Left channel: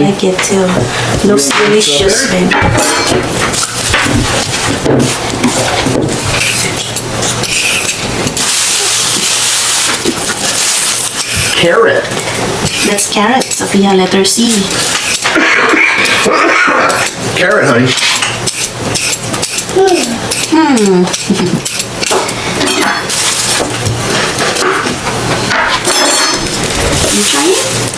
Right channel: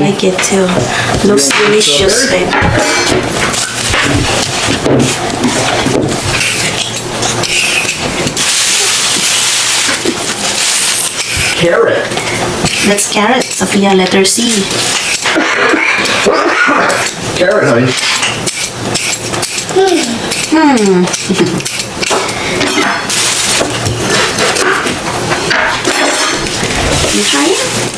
like it too. Looks delicious, babe. Carrot. That's carrot, Sophia, letter C. Carrot, honey. You try it?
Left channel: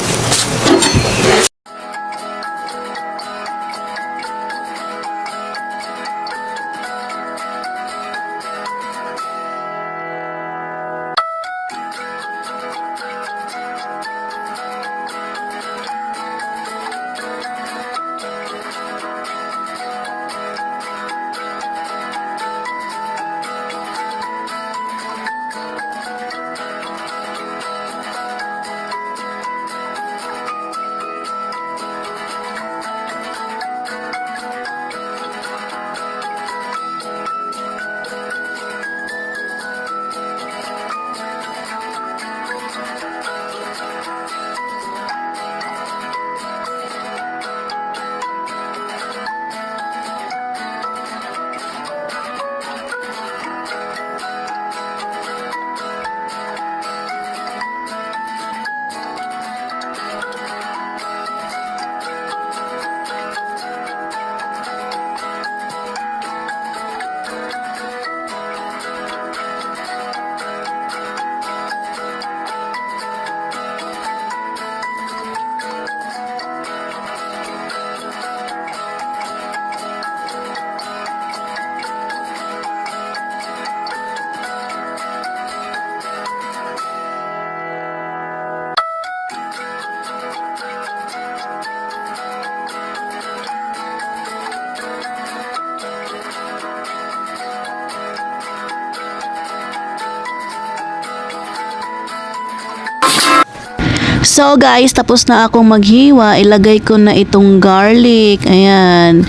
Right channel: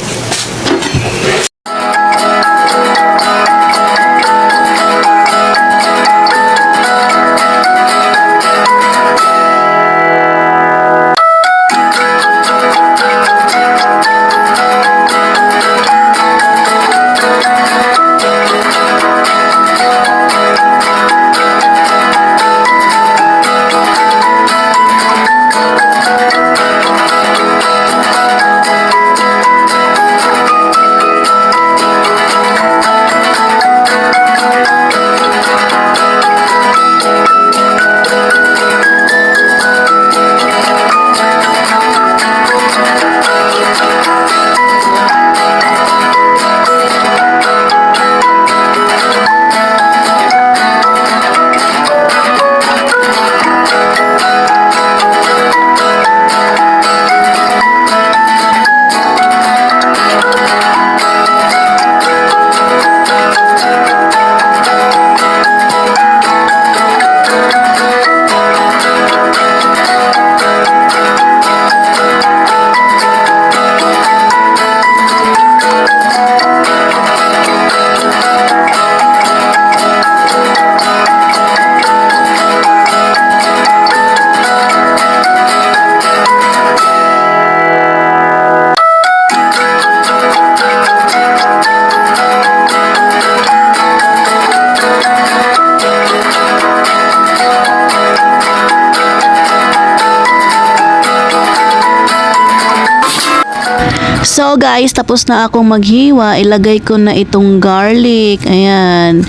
So guys, tapos na akong maghiwa. Ilagay ko na itong garlic. Ayan.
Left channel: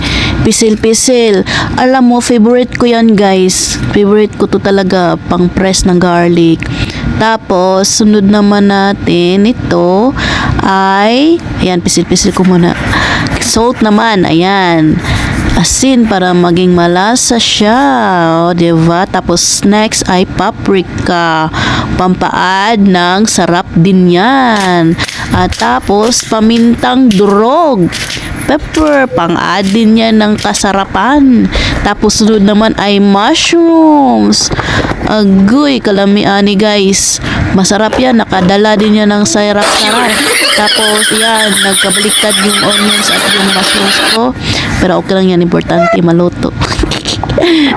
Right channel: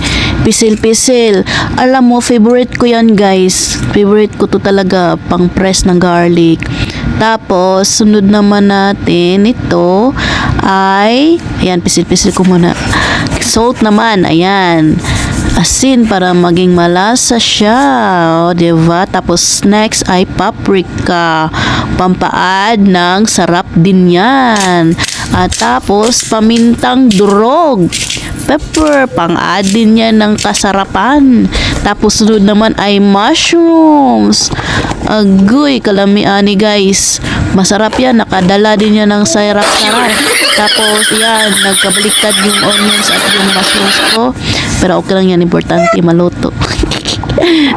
Pisil-pisil. Alam mo, favorite ko yan guys. Favorite ko to talaga, pang press ng garlic. Tapos, sunod naman natin ito ay, ayan, pisil-pisil ko muna. Salt naman, ayan. Asin para maging malasa siya. O, diba? Tapos, next ay paprika. Pampaad ng sarap din yan. At tapos, pamintang durog. Pepper, pang-add din yan ng kasarapan. Tapos, sunod naman ay mushrooms. Agoy, kalamiani guys. Masarap yan. Nakadala din yan ng sarap-sarap. Tapos, yan. Nagkabaliktad yung onions at yung mushrooms ko. Pero okay lang yan. Importante, maluto.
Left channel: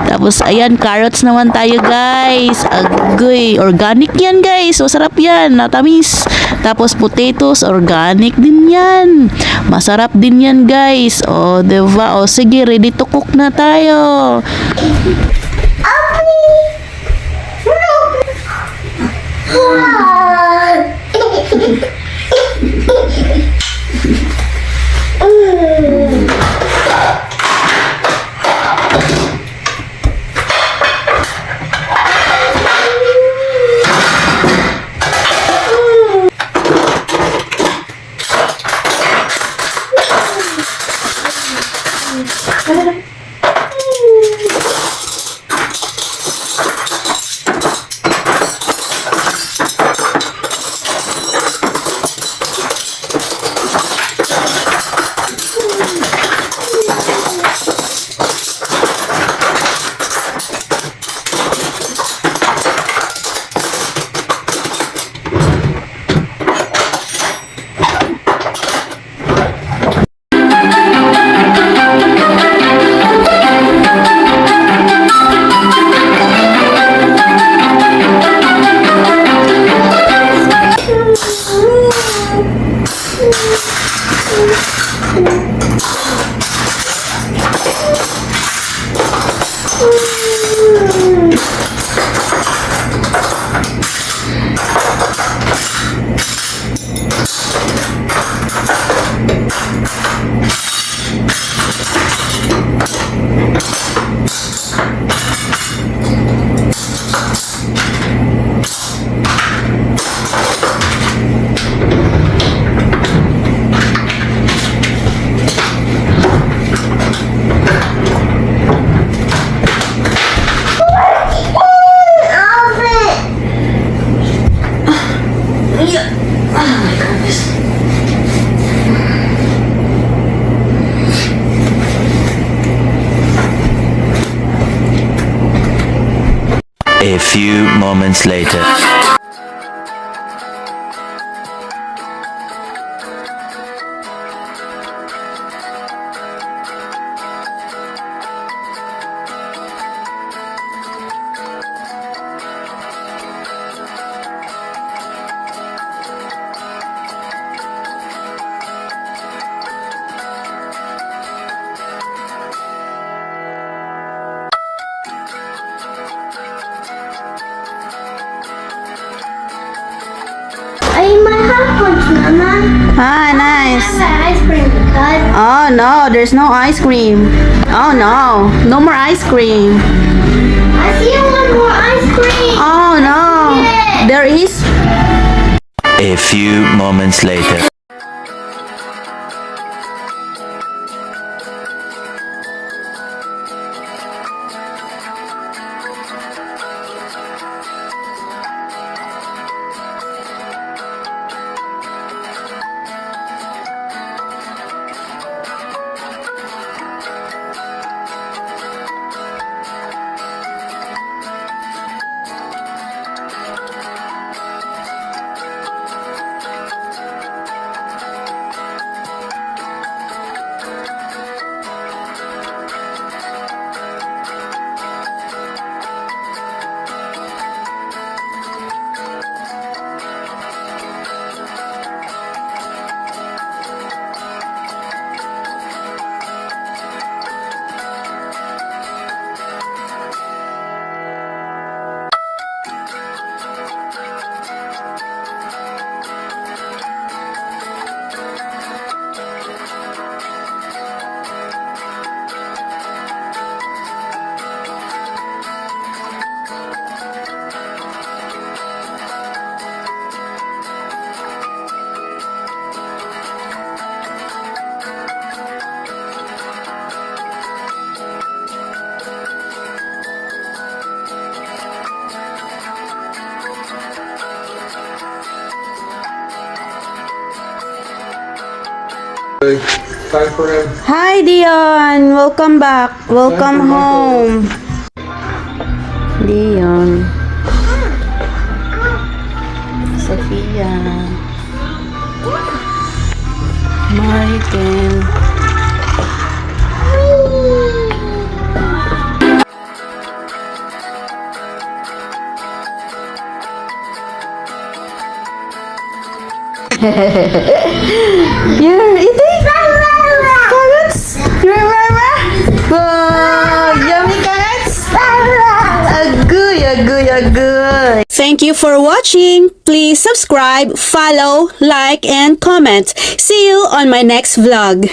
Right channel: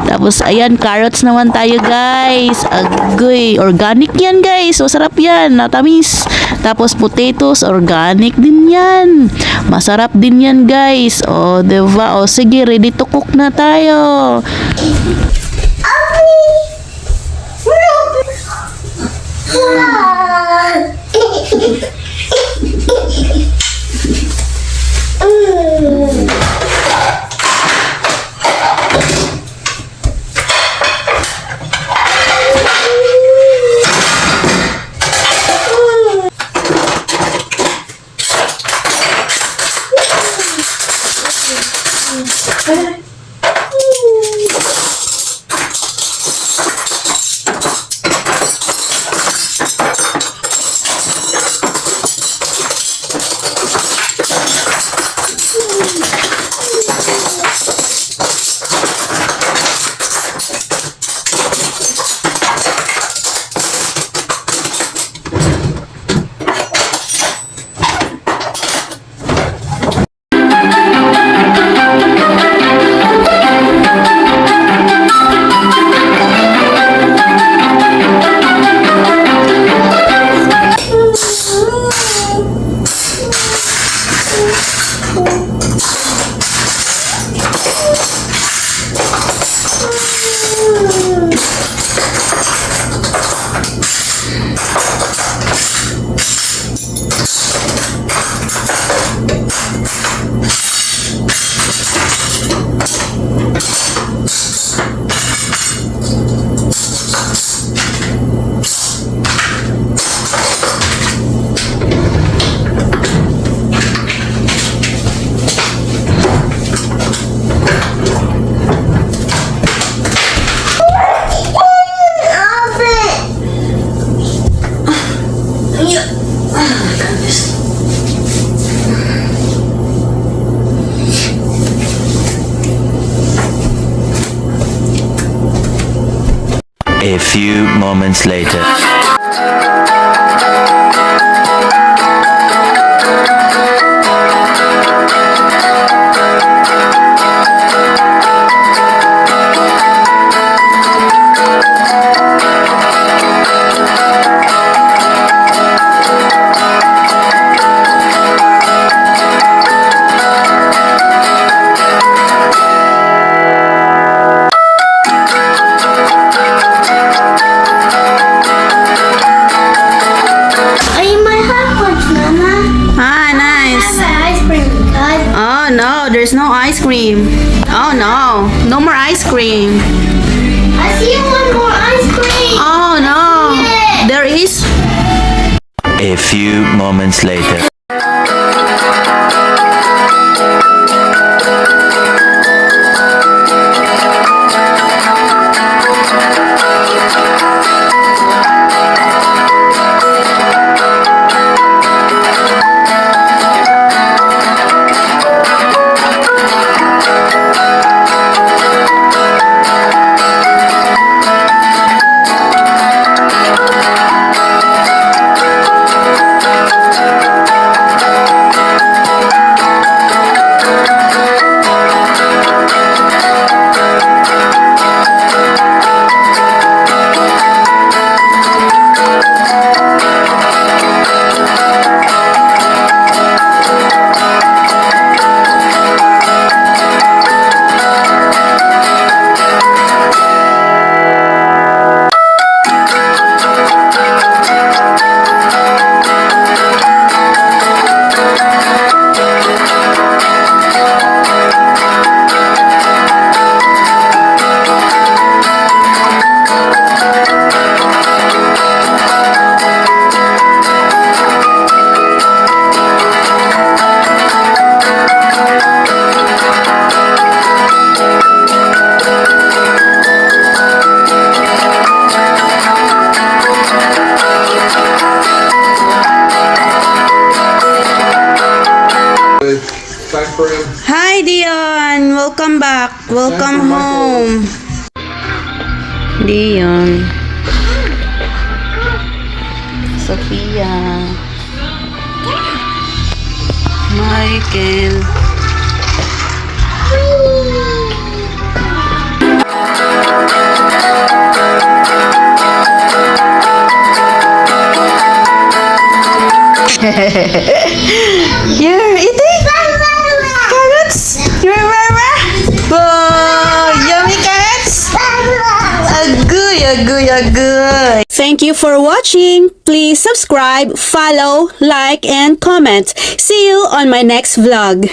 Tapos, ayan. Carrots naman tayo guys. Agoy. Organic yan guys. Masarap yan. Natamis. Tapos, potatoes. Organic din yan. Masarap din yan guys. O, diba? O, sige. Ready to cook na tayo. A few moments later. I eat my hot punch, Mama. Ah, nice. I have ice cream because Oh no, there's no ice cream. Oh no, no more ice cream. I see one more ice cream. Oh no, there is. A few moments later. Time frame. Hi Dion, welcome back. Welcome home. Dion. Sophia. Michael. You're eating carrots? You remember? Oh, yummy carrots? Agoy, agoy, agoy. Thank you for watching. Please subscribe, follow, like, and comment. See you on my next vlog.